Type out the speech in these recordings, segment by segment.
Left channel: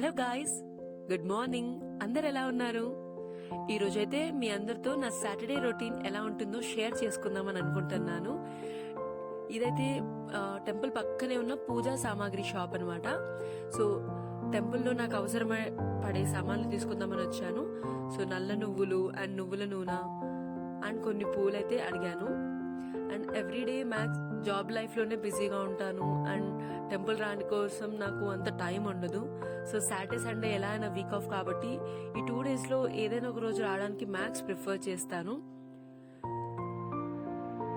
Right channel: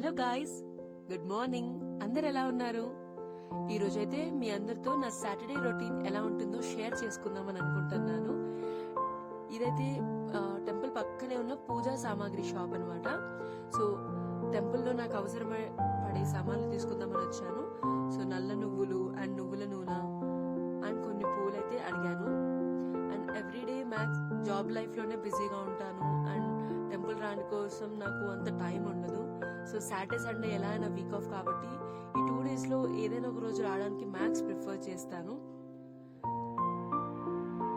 Hello guys, good morning. అందరు ఎలా ఉన్నారు? ఈ రోజైతే మీ అందరితో నా సాటర్డే రొటీన్ ఎలా ఉంటుందో షేర్ చేసుకుందామని అనుకుంటున్నాను. ఇదైతే టెంపుల్ పక్కనే ఉన్న పూజా సామాగ్రి షాప్ అన్నమాట. సో టెంపుల్లో నాకు అవసరమై పడే సామాన్లు తీసుకుందామని వచ్చాను. సో నల్ల నువ్వులు అండ్ నువ్వుల నూనె అండ్ కొన్ని పూలు అయితే అడిగాను. And everyday max job life లోనే బిజీగా ఉంటాను అండ్ టెంపుల్ రాని కోసం నాకు అంత టైం ఉండదు. సో సాటర్డే సండే ఎలా అయినా వీక్ ఆఫ్ కాబట్టి ఈ 2 days లో ఏదైనా ఒక రోజు రావడానికి మ్యాక్స్ ప్రిఫర్ చేస్తాను.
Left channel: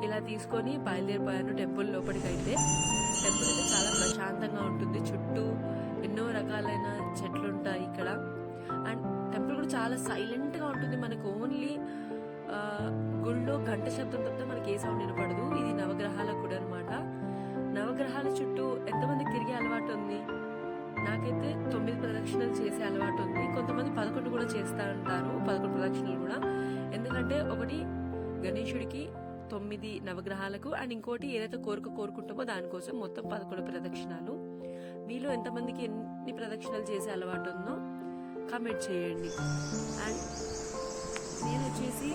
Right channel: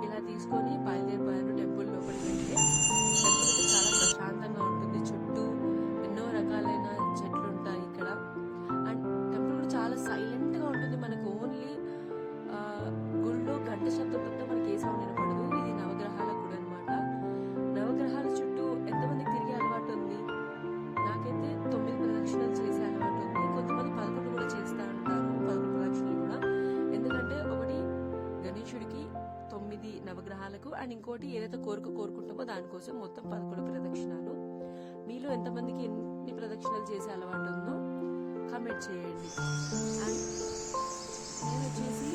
ఇలా తీసుకొని బయలుదేరిపోయాను టెంపుల్ లోపలికి. అయితే టెంపుల్ అయితే చాలా ప్రశాంతంగా ఉంటుంది. చుట్టూ ఎన్నో రకాలైన చెట్లు ఉంటాయి ఇక్కడ. అండ్ టెంపుల్ కూడా చాలా సైలెంట్ గా ఉంటుంది. మనకు ఓన్లీ గుళ్ళో గంట శబ్దం తప్పితే మనకి ఏ సౌండ్ వినపడదు. ఇది నవగ్రహాల గుడి అనమాట. నవగ్రహాల చుట్టూ ఎంతమందికి తిరిగే అలవాటు ఉంది? నాకైతే 9 ప్రదక్షిణలు చేసే అలవాటు ఉంది. కొంతమంది 11 కూడా చేస్తా ఉంటారు, 11 ప్రదక్షిణలు కూడా. ఎందుకంటే ఒకటి గణేశుడికి 9 నవగ్రహాలకు అండ్ ఇంకోటి ఏదైతే కోరుకుంటామో దానికోసం మొత్తం 11 ప్రదక్షిణాలు. మీలో ఎంతమందికి ఎన్ని ప్రదక్షిణలు చేసే అలవాటు ఉందో కామెంట్ చేయండి. అండ్ నేను వచ్చేసి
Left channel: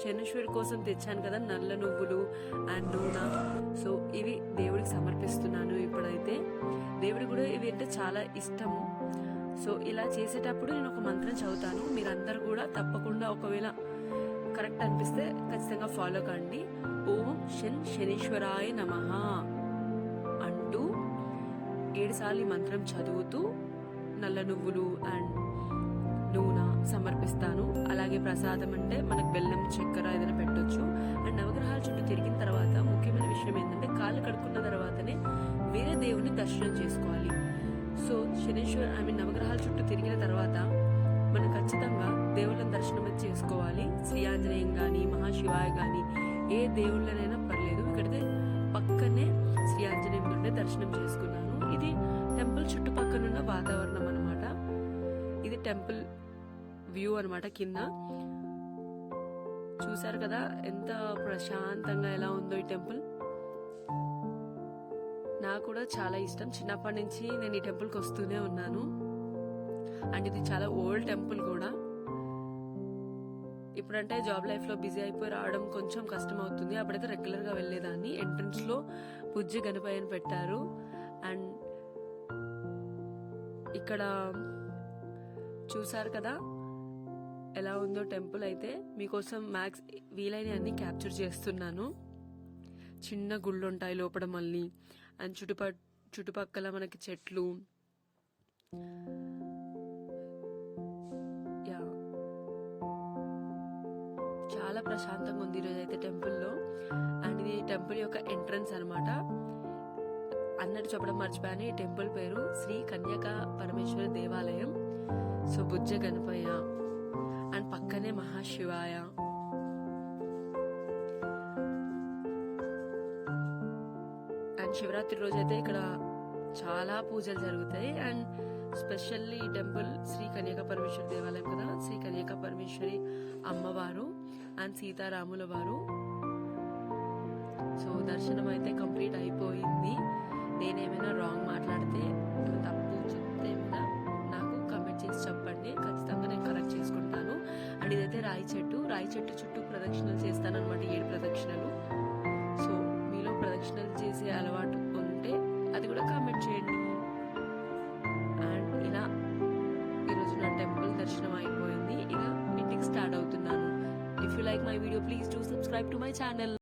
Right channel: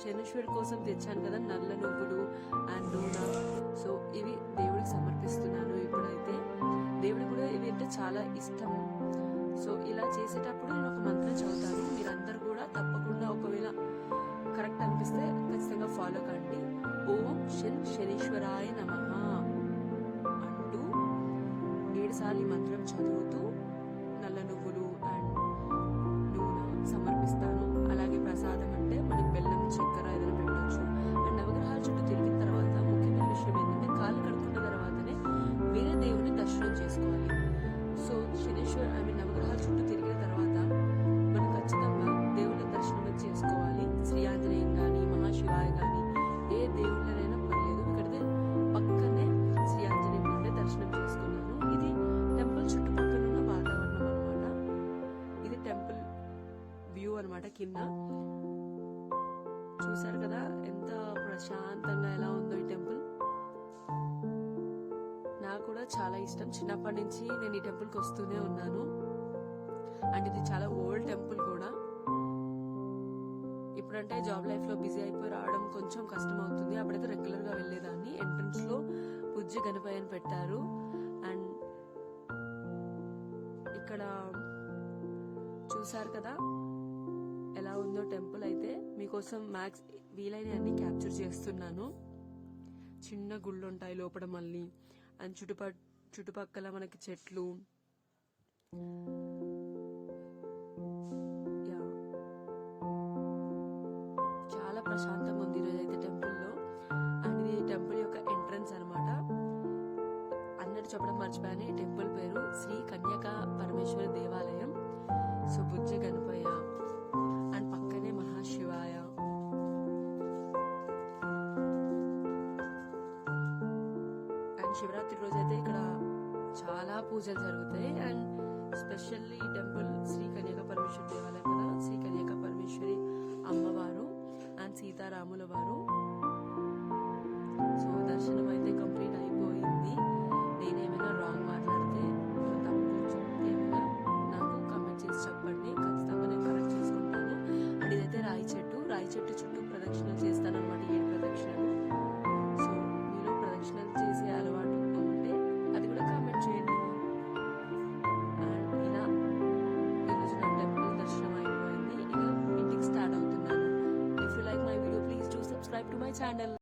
శనేశ్వరి కోసం తెచ్చాను కదా నల్ల నువ్వులు అండ్ నూనె. సో ఇవి దేవుడికి సమర్పిస్తున్నాను. ఇప్పుడైతే దేవుడికి కూడా ఇవి అంటే చాలా ఇష్టం. సో ఇలా చేసేటప్పుడు నేను ఒక మంత్రం చదువుతాను. మీరందరూ కూడా తప్పకుండా ఒకవేళ కరెక్ట్ అనిపిస్తే ఖచ్చితంగా ఫాలో కండి. ఓం శనేశ్వరాయ నమః అంటూ 7 సార్లు ఈ మంత్రం చదువుతూ నల్ల నువ్వులు అండ్ నూనె సమర్పిస్తాను. అలాగే ప్రసాదం అంటే మనకు బెల్లం, చక్కెర ఏదైనా పెట్టొచ్చు. అండ్ నవగ్రహాల చుట్టూ తిరిగిన తర్వాత ముఖ్యమైన విషయం ఏంటంటే కాళ్ళు కడుక్కున్న తర్వాతనే వేరే దేవుని దర్శనం చేసుకోవాలి. సో నవగ్రహాల చుట్టూ తిరిగిన తర్వాత మనం ఖచ్చితంగా దేవుళ్ళని దర్శనం చేసుకోవాలి. శ్రీ ఆంజనేయం గాని, మహాశివాయ గాని, ఏ దేవుళ్ళనైనా పర్లేదు. ఇక్కడైతే పక్కనే శ్రీ ఆంజనేయం నుండి దర్శనం చేసుకున్నాను. ఇది టెంపుల్ చుట్టుపక్కనున్న వాతావరణం అనమాట. ఇది టెంపుల్ వ్యూ అనమాట. కింద చూసారు కదా ఎంత ప్రశాంతంగా ఎలా ఉందో ఈ టెంపుల్. నాకు కూడా చాలా ఇష్టం. చిన్నప్పటి నుంచి నేను ఈ టెంపుల్ కి వస్తూనే ఉన్నాను. అండ్ ఇది చాలా ఓల్డ్ టెంపుల్ కూడా. ఇప్పుడంటే జాబ్ లైఫ్ లో బిజీ అయిపోయి రావడం కొంచెం కష్టం అవుతుంది. అప్పుడైతే రెగ్యులర్ గా వెళ్లేదాన్ని. ఎంట్రన్స్ లో బుజ్జి గణపయ్యని పెట్టారు. అండ్ ఇక్కడ చూసారు కదా ఎలా ఉందో టెంపుల్. అయితే మీకోసం మ్యాక్స్ వీలైన అన్ని క్యాప్చర్ చేస్తున్నాను. చిన్న గుళ్ళు ఉంటాయి లోపల మళ్ళీ. అండ్ చుట్టుపక్కల మనకి చెట్లు. చాలా ప్రశాంతంగా ఉంది ఈరోజు అయితే టెంపుల్లో. అండ్ ఇది టెంపుల్ యొక్క ఎంట్రన్స్ అనమాట. అన్నట్టు చెప్పడం మర్చిపోయాను, ఈ టెంపుల్ పేరు శ్రీ కన్యకా పరమేశ్వరి దేవాలయం. సో బుజ్జ గణపయ్య అండ్ పక్కనే మహాశివాయ. అండ్ శివరాత్రి రోజు అయితే ఇక్కడ చాలా పూజలు జరుగుతాయి. అండ్ స్పెషల్లీ ఈ టెంపుల్ శ్రీ కన్యకా పరమేశ్వరి దేవాలయం కదా. శ్రీ కన్యకా పరమేశ్వరి అమ్మవారు అండ్ సీతారాముల వారు. సో దర్శనం అయితే కంప్లీట్ అయిపోయింది. నేనేమైనా రాంగ్ మాట్లాడితే తప్పు చెప్తే ఏమైనా నాకు కామెంట్ చేసి చెప్పండి. ఖచ్చితంగా నేను కరెక్ట్ చేసుకుంటాను. అండ్ ఇదైతే రాయి చెట్టు చుట్టూ ప్రదక్షిణలు చేస్తాను అనమాట, 7 ప్రదక్షిణలు. సో మీలో ప్రదక్షిణలు చేసే అలవాటు ఉంటే అది కూడా కామెంట్ చేయండి. అండ్ ఇలా ఈరోజు నా టెంపుల్ దర్శనం అయిపోయింది. ఇక ఇంటికి స్టార్ట్ అవుతున్నాను. If you like my video please do subscribe to my channel.